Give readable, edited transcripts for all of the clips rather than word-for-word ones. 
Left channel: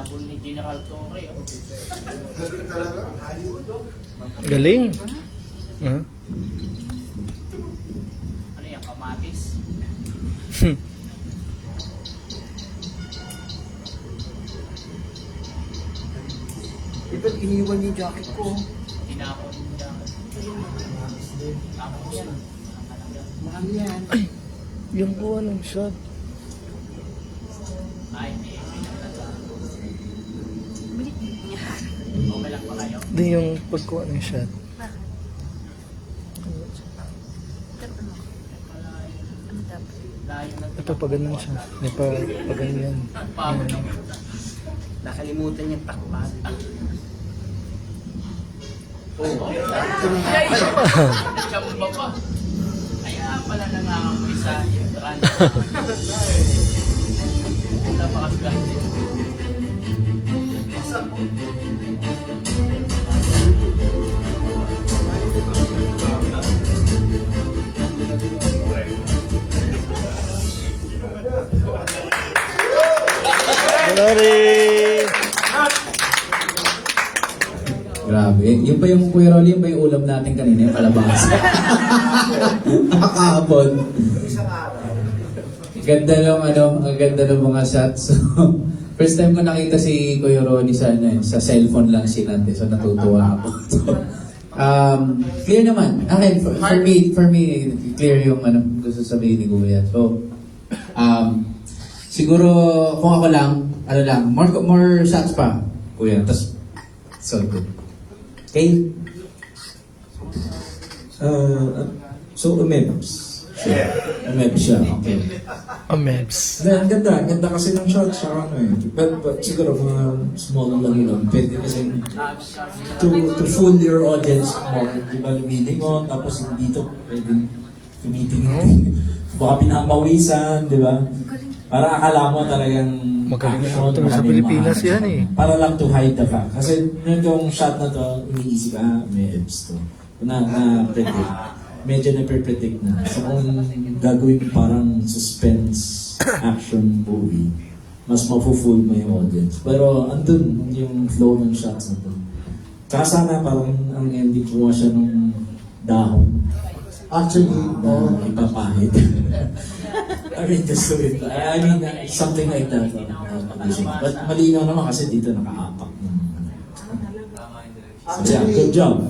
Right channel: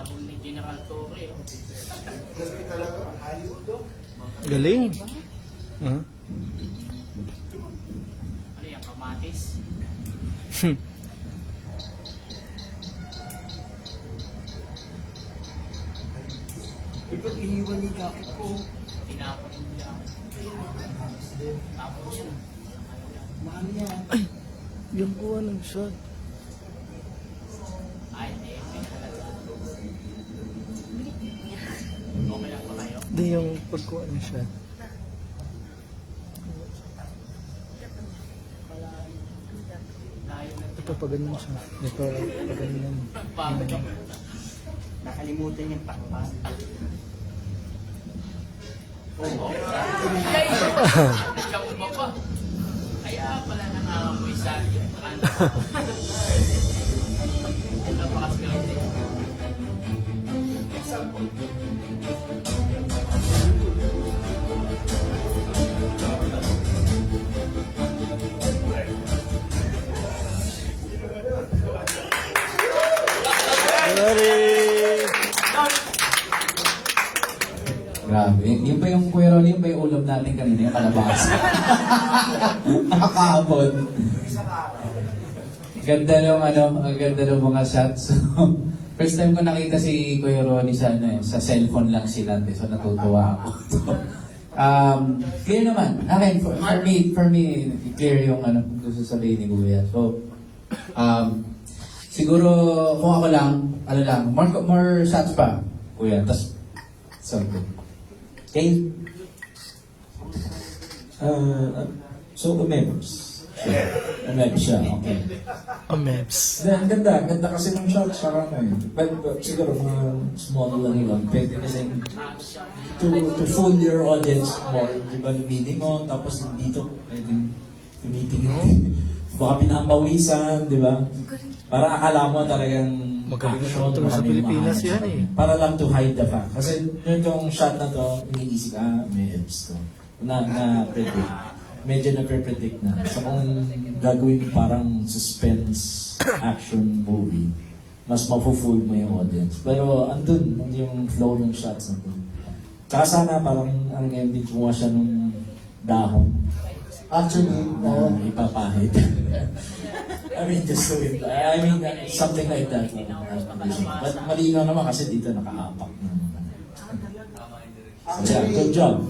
Tinapon ni General Torre. Oh. Galing. Ano yan, kamatis? Ito, iniwan yung jacket ko. Tinapon yung jacket. Tapos yan. Walang halaga. Mahal yan. Yung kuha ng shot. Ay, hindi. May halaga. Okay lang ba kayo? Hindi yung pagkuha ng shot. Layo na ito. Ito pa ganun siya. May pa ganyan. Pagod naman. Nakalimutan yung takpan. Chamba pa. Kaya pala nangangamoy sa intran. Wala pa kasi lang din. Glory! Grabe. Yun pa yung Kuya Rolly, yun pa yung ulam natin kanina, yung kalabasa. Kahapon. Ganda ng ang ganda ng mga shots. So, first time ko nakita si Kuya Rolly sa cellphone lang sinante. So natutuwa ako. Clear naman. Akin, for me, clear yung gusto sabihin ni Kuya. So, siguro kung ako lang, more shots pa, Kuya. Tapos, so good. Okay? So, umebs. Umebs siya, okay. Amebs. Ang ganda kasi ng shot, saka but siguro mga small lang yun, pwede kasi to fool your audience more, di ba, lumiling mo, tapos yung dito, pwede tumitingin, baka pinamawisan, di ba? Para akala mo talagang Magaling action, to sa Pilipinas animation. yan eh. Para lang to hide the fact. Kasi yung shot na to, iniisip may ebs to. Na-predict. Medyo na-predict na. So kung gagawin parang suspense action movie, mas mafu-fool mo yung audience. Pero andun yung flow ng shots na to. Kaya sana parang ang ending kumuha siya nung dahon. Actually, ipapahid. I mean, just do it. I mean, something like that. But malinaw naman kasi dito nakaapak ng So yeah, good job.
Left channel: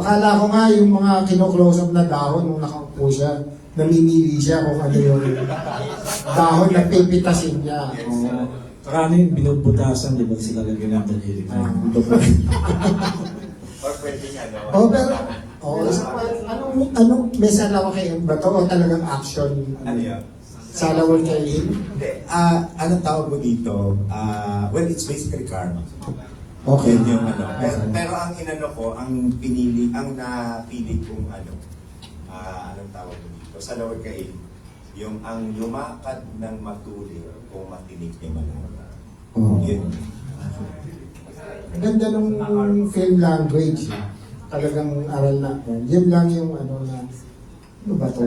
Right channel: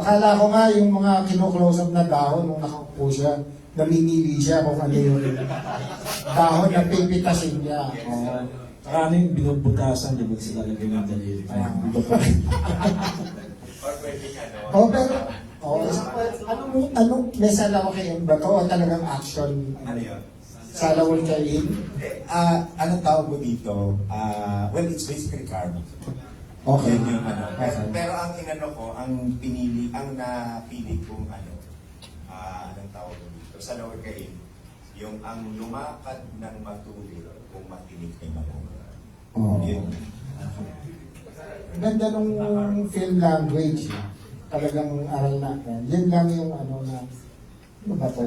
Akala ko nga yung mga kino-close up na dahon nung nakaupo siya, namimili siya kung ano yung dahon na pipitasin niya. Saka ano yung binubutasan, di ba sila lagyan ng daliri? Anong may salawa kayo ba to o talagang action? Ano yun? Salawal kayo? Hindi. Anong tawag mo dito? Well, it's basically karma. Okay. Yun yung ano. Pero ang inano ko, ang napili kong anong tawag mo dito? Sa lower kail, yung ang lumakad ng matuloy kung matinig ni Malala. Oh. Yun. Ang ganda nung film language. Talagang aral na. Yan lang yung ano ba to?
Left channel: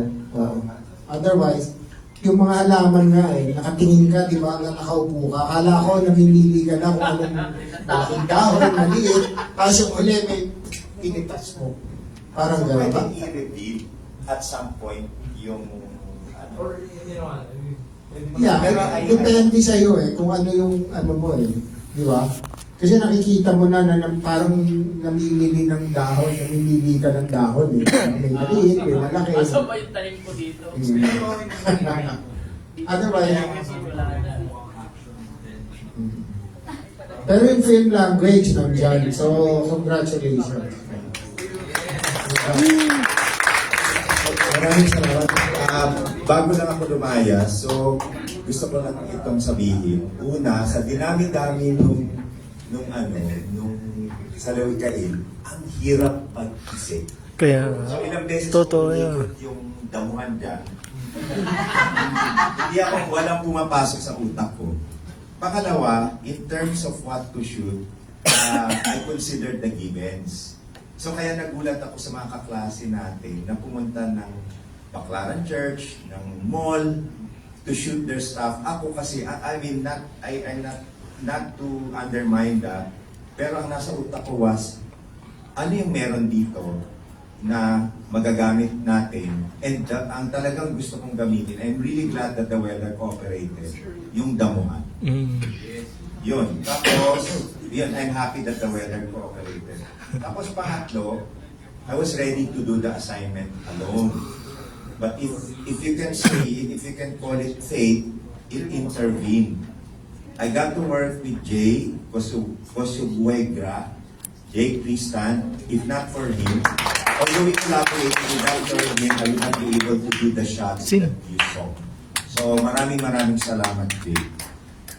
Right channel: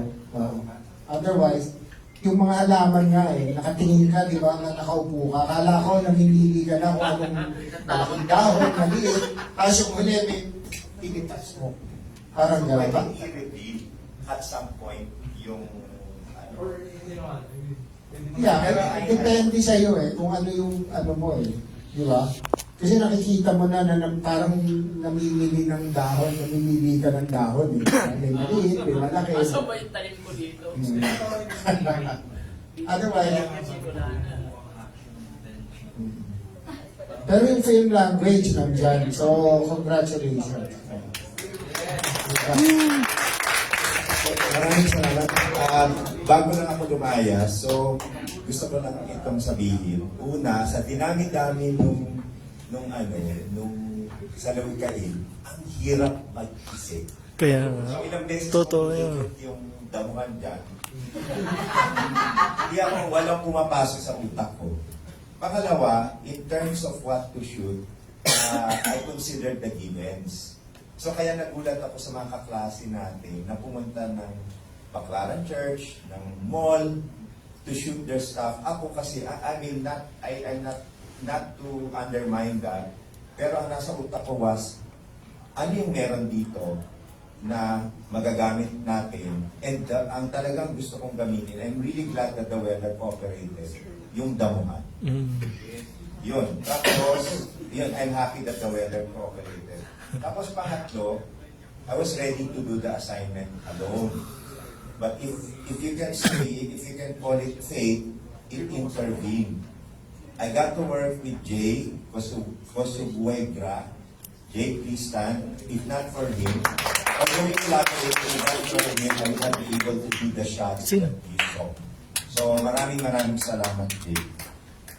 Otherwise, yung mga halaman nga nakatingin ka, di ba, nakaupo ka. Akala ko, namimili ka na kung anong malaking dahon, maliit. Tapos yung uli, may pinitas mo. Parang So, gano'n ba? pwedeng i-reveal at some point yung Yeah, depende sa'yo kung ano yung ano mo di ba? Kasi nakikita mo na parang namimili ng dahon, namimili ka ng dahon May maliit, may malaki. Asa ba yung talim ko dito? Otherwise, pero yung film language nandiyan. So, congratulations. Maraming salamat. Bago lang ako lumaya, so gusto ko lang itong sabihin. Una, sa dinami-dami nung sa Lawikain, ang hirap mag-isip. Kaya, So ilang beses totoo ko yan. umiikot yung damuhan dyan. Hindi ako, walang pumapasok sa utak ko. Pangalawa, in terms of what to shoot, I considered the givens. So kaya nagulat ako sa mga kaklase natin na pumunta ng Baclaran Church, ng mall, to shoot their stuff. Ako kasi, I'm not not to undermine that, pero ang nasa utak ko was, ano yung meron dito na magagamit natin, and ang talagang gusto kong gamitin, I'm really glad that the weather cooperated, yung damuhan. Yun. Tapos, yun, I'm happy that the weather cooperated. Tapos pangatlo, I was ready to do the assignment alone. But if you can say, if you can call it fate, it intervened. I got to work with Jay Cosubuegra. Jay, please stand. If not for him, although we collaborated without him, I would not be able to do the shots Sino? that you saw. So maraming salamat, Jay.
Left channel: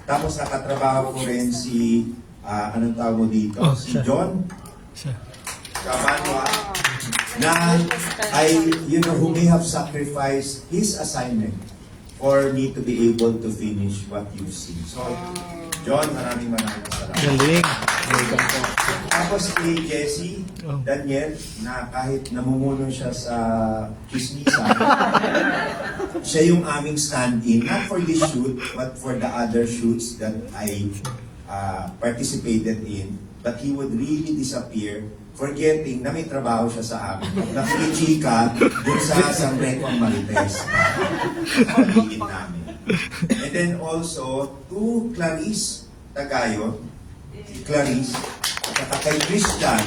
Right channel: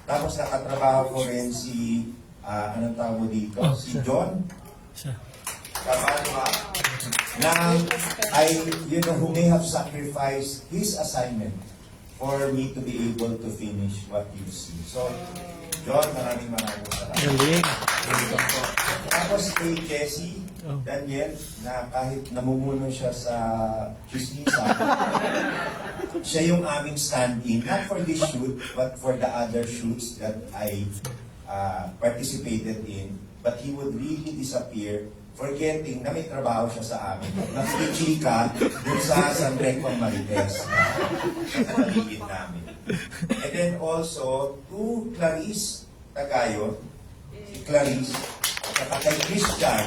Tapos nakatrabaho ko rin si, anong tawag mo dito? Oh, Si siya. John Siya. Kamadwa, na who may have sacrificed his assignment for me to be able to finish what you see. So, John, maraming salamat. Galing. Tapos kay Jessie, Daniel, na kahit namumuno siya sa chismisan, siya yung aming stand-in, not for this shoot, but for the other shoots that I participated in. But he would really disappear, forgetting na may trabaho siya sa amin. Nakikichika dun sa San Recon Marites. Paligid namin. And then also, to Clarice Tagayo, Clarice, at saka kay Christian,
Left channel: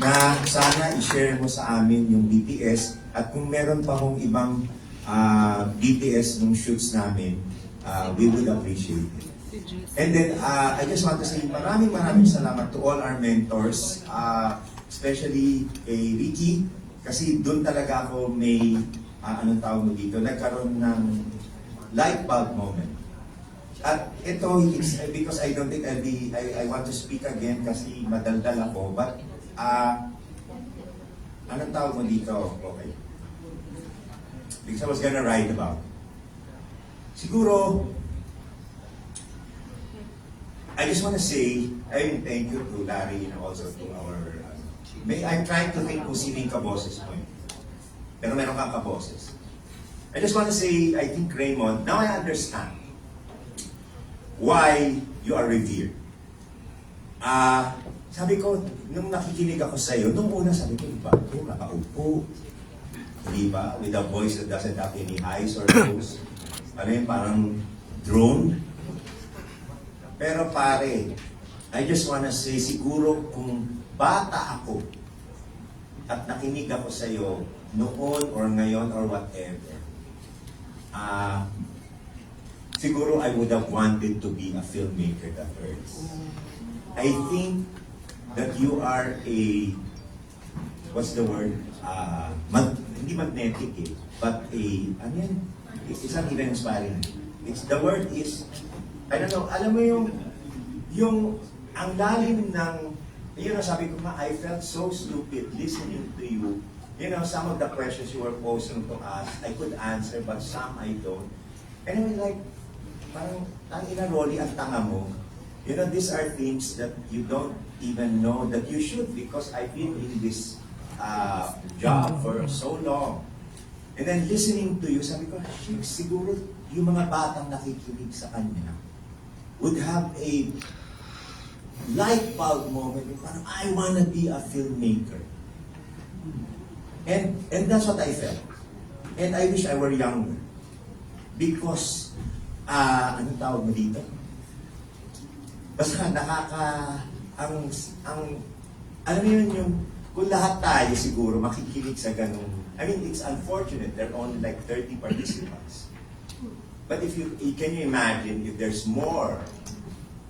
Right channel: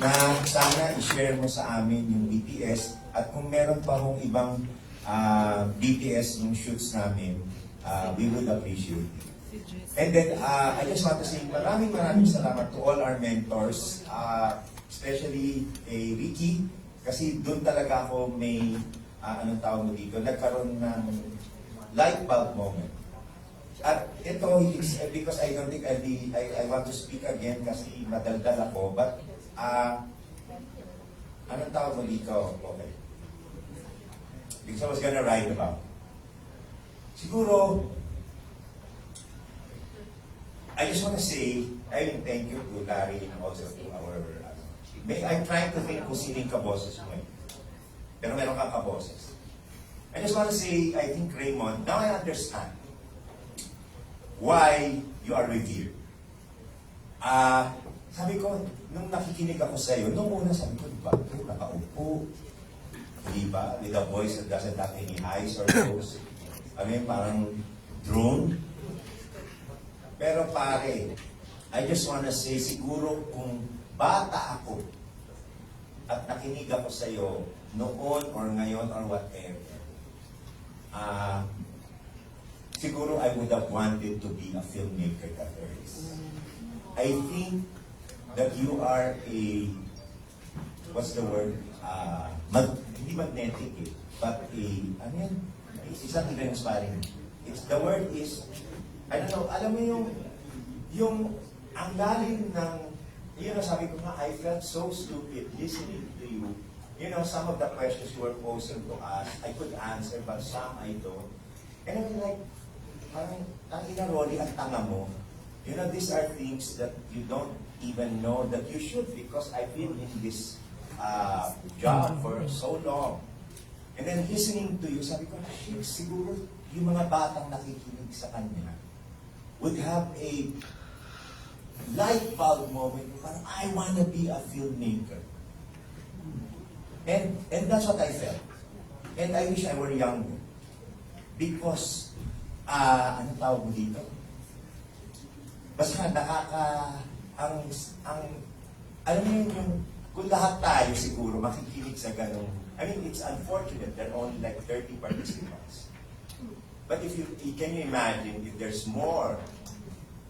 na sana i-share mo sa amin yung BTS, at kung meron pa hong ibang BTS nung shoots namin, we would appreciate it. And then, I just want to say maraming salamat to all our mentors, especially kay Ricky, kasi doon talaga ako may, anong tawag mo dito, nagkaroon ng light bulb moment. At ito, it's because I don't think I want to speak again kasi madaldal ako, but, anong tawag mo dito? Okay. Because I was gonna write about. Siguro, I just want to say, I thank you to Larry and also to our... I'm trying to think kung sino yung kaboses mo eh. Pero meron kang kaboses. I just want to say, I think Raymond, now I understand why you are revered. Sabi ko, nung nakikinig ako sa iyo, nung una sabi ko, iba ito, nakaupo. Hindi ba? With a voice that doesn't have any highs or lows. Ano yun, parang drone. Pero pare, I just wanna say, siguro kung bata ako at nakinig ako sa iyo noon or ngayon or whatever, siguro I would have wanted to be a filmmaker that first. I think that you are a, what's the word? Hindi magnetic eh, but a, ano yan? It's not even inspiring. The word is, I don't know, alam mo yung ang lalim ng, yun ang sabi ko nga, I felt so stupid listening to you. You know, some of the questions you were posing to us, I could answer, but some I don't. And I was like, parang, tangina Rolly, ang tanga mo. You know, these are things that you don't even know that you should, because I've been in this job for so long. And then listening to you, sabi ko, shit, siguro yung mga batang nakikinig sa kanya would have a light bulb moment, parang I wanna be a filmmaker. And that's what I felt. And I wish I were younger. Because, anong tawag mo dito? Basta alam mo yun yung, kung lahat tayo siguro makikinig sa ganung, I mean, it's unfortunate, there are only like 30 participants. But can you imagine if there's more,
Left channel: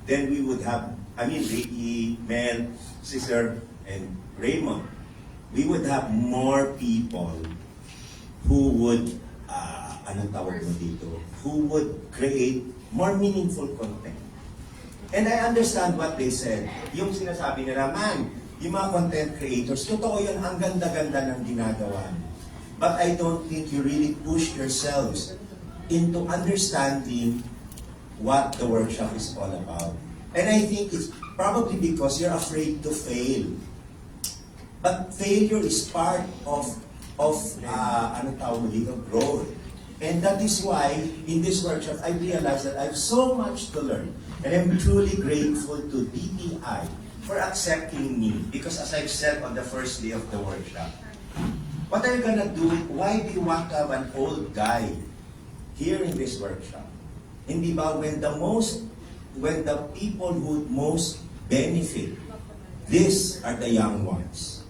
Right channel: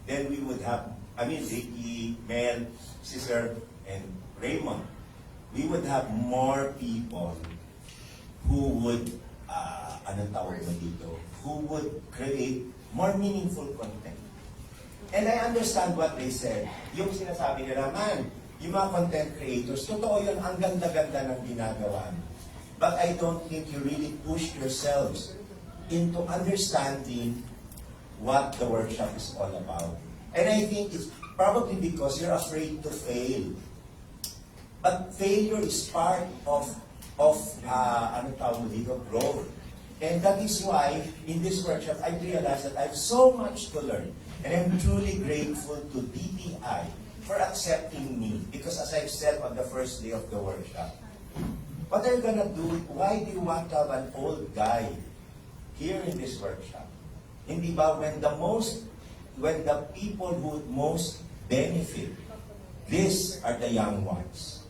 then we would have, I mean, Ricky, Mel, Cesar, and Raymond, we would have more people who would, anong tawag mo dito, who would create more meaningful content. And I understand what they said. Yung sinasabi nila, man, yung mga content creators, totoo yun, ang ganda-ganda ng ginagawa. But I don't think you really push yourselves into understanding what the workshop is all about. And I think it's probably because you're afraid to fail. But failure is part of ano tawag mo dito, growth. And that is why, in this workshop, I realized that I have so much to learn. And I'm truly grateful to DTI for accepting me. Because as I've said on the first day of the workshop, what are you gonna do? Why do you want to have an old guy here in this workshop? Hindi ba when the people who most benefit, these are the young ones.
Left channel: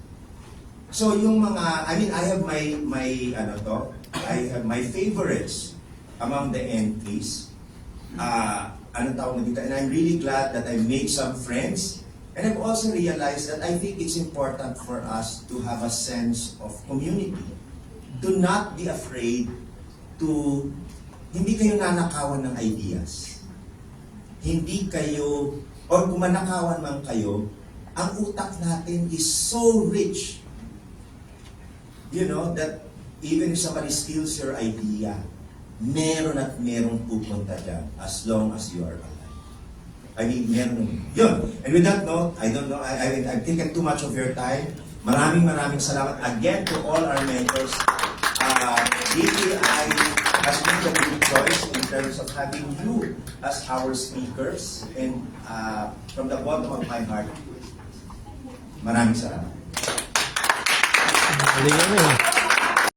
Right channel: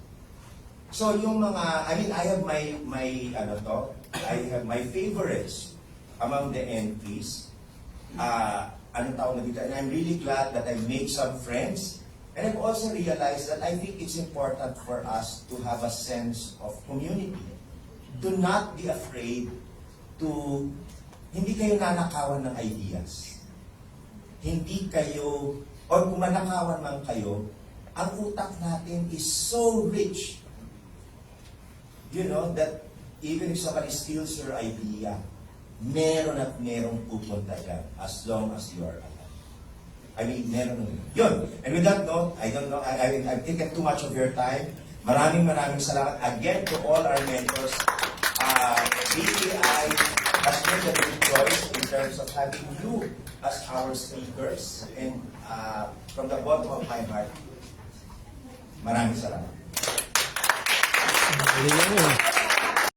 So yung mga, I have I have my favorites among the entries. And I'm really glad that I made some friends. And I've also realized that I think it's important for us to have a sense of community. Do not be afraid to, hindi kayo nanakawan ng ideas. Hindi kayo, or kung manakawan man kayo, ang utak natin is so rich. You know, that even if somebody steals your idea, meron at merong pupunta dyan as long as you are alive. I mean, meron. Yun. And with that note, I don't know, I've taken too much of your time. Maraming salamat again to all our mentors. DTI has made a good choice in terms of having you as our speakers. And from the bottom of my heart, maraming salamat. Galing mo.